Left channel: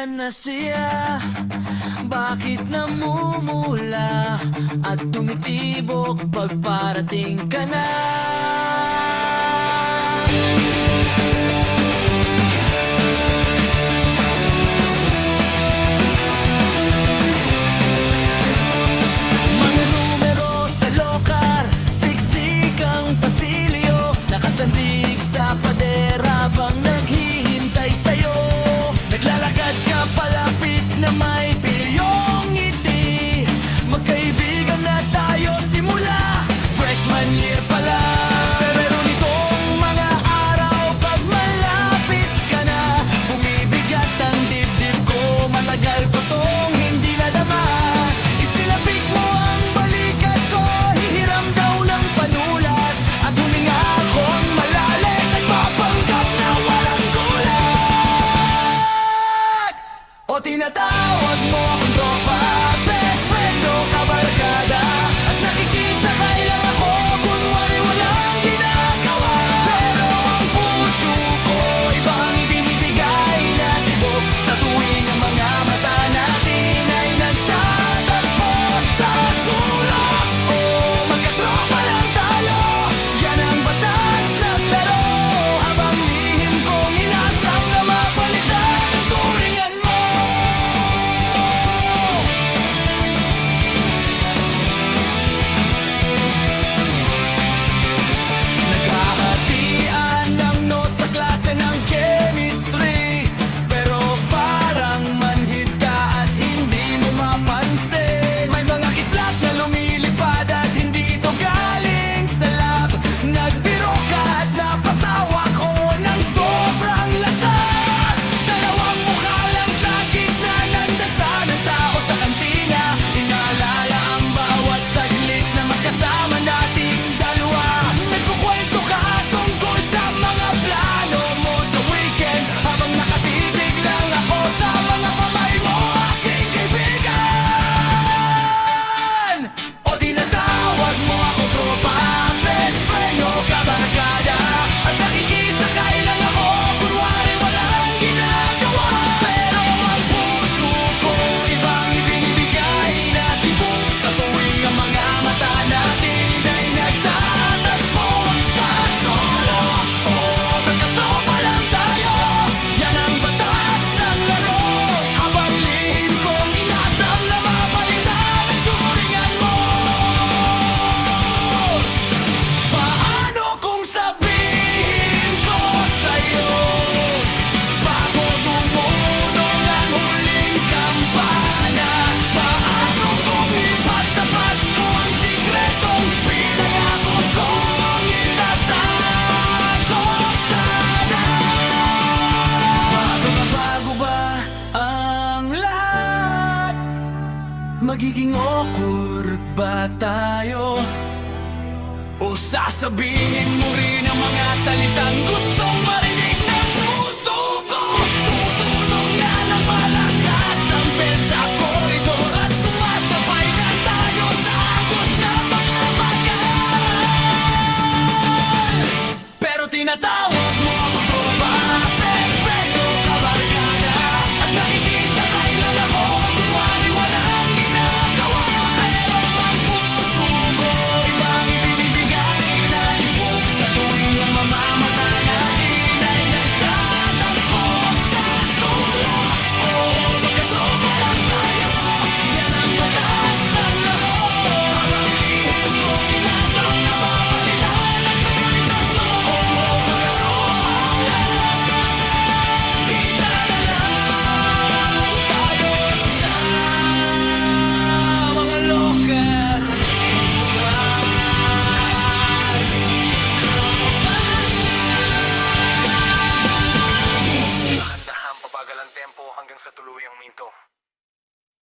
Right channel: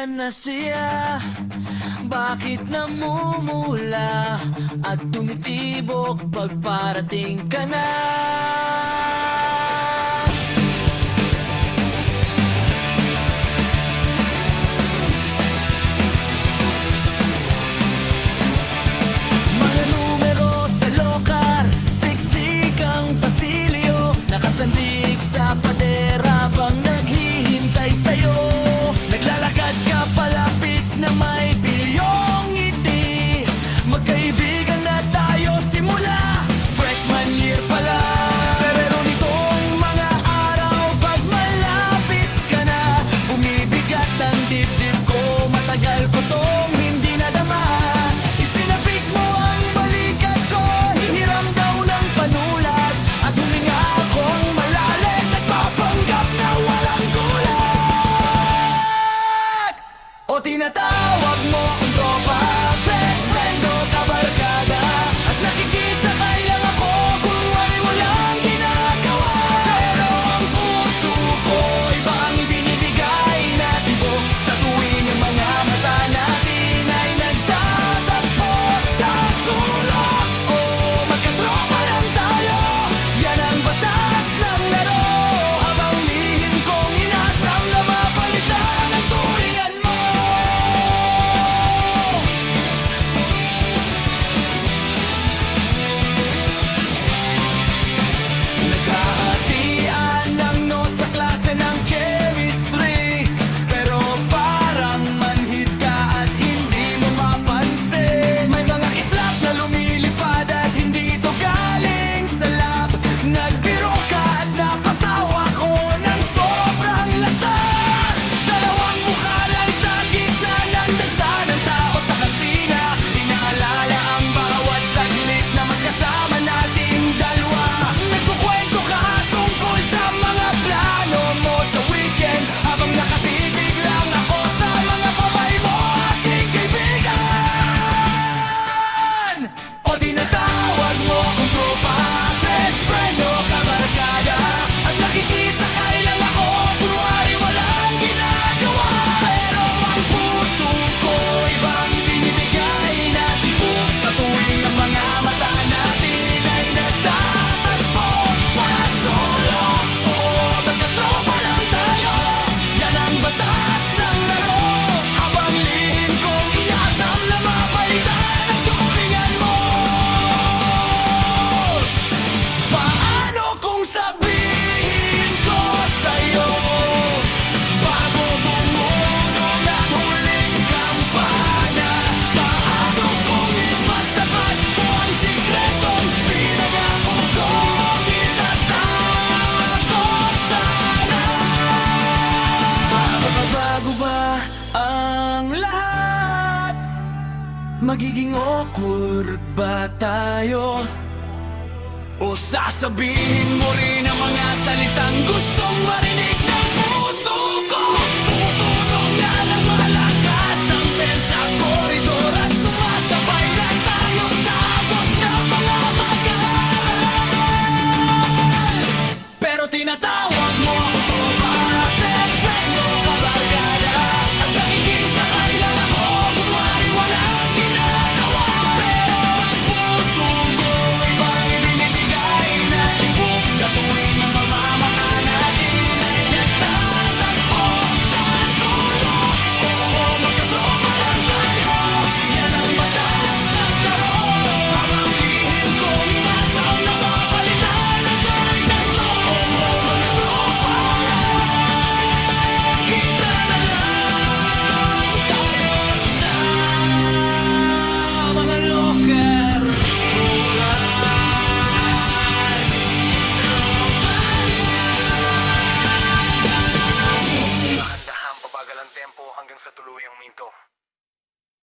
Nasaan na siya? Bakit namumula at tumitibok pag parating ka na? Mga numero sa lokar, siksik ang pasilyo, nakasandig sa pader habang naghihintay sa'yo. Naglalakad ka palapit na may bilyong ngiti, magkaibigan na tayo simula freshman year pa lang. Pero nitong mga araw pag malapit ka na, bumibigat ang dibdib ko, matagal ko tong hindi nadama. Itinapik mo ang balikat ko, hihiram daw ng panulat, at huminga akong malalim, nagpapanggap na walang gulat. O tinatawag mo akong tropa, best friend o kabarkada, at nakikisakay lang ako kunwari walang ginagawa. Pero ang puso ko iba ang ibinibigay na tibok sa tuwing ang mga mata natin ay nagtatagpo sa sulok. O magkatropa lang tayo, yan ang batas ng laro, habang lihim kong inasang na mapalitan ang turingan mo. Naghahatian ng notes sa klase ng chemistry, pero parang manhid ka at hindi mo mapansin. May mga kislap na lumilipad at hindi ito galing sa lab. Nagbiro ka at napatawa ko ng sobrang lakas. Dalawang mukha lang sa gitna ng dagsa ng tao sa kantina, inaalala ang bawat saglit na magkasama nating dalawa. Nagkukwento ka tungkol sa mga plano mo sa weekend, habang nakatitig lang ako sa mga kamay mo, aking kaibigan. O tinatawag mo akong tropa, best friend o kabarkada, at nakikisakay lang ako kunwari walang ginagawa. Pero ang puso ko iba ang ibinibigay na tibok sa tuwing ang mga mata natin ay nagtatagpo sa solo. Oo, magkatropa lang tayo, yan ang batas ng laro, habang lihim kong inasam na mapalitan ang turingan mo. Paano kung sabihin ko sa'yo, bago tumulong ang huling kampana? Paano kung ipagtapat ko ang sikretong pinangako kong itatago sana? Mababago ba ang lahat? Magiging awkward ba tayo? O sasabihin mo rin ang mga salitang gustong marinig ng puso ko? Tumutunog na ng malakas ang bell sa koridor, at sumasabay na tayo sa agos ng mga mag-aaral. Pero tinatawag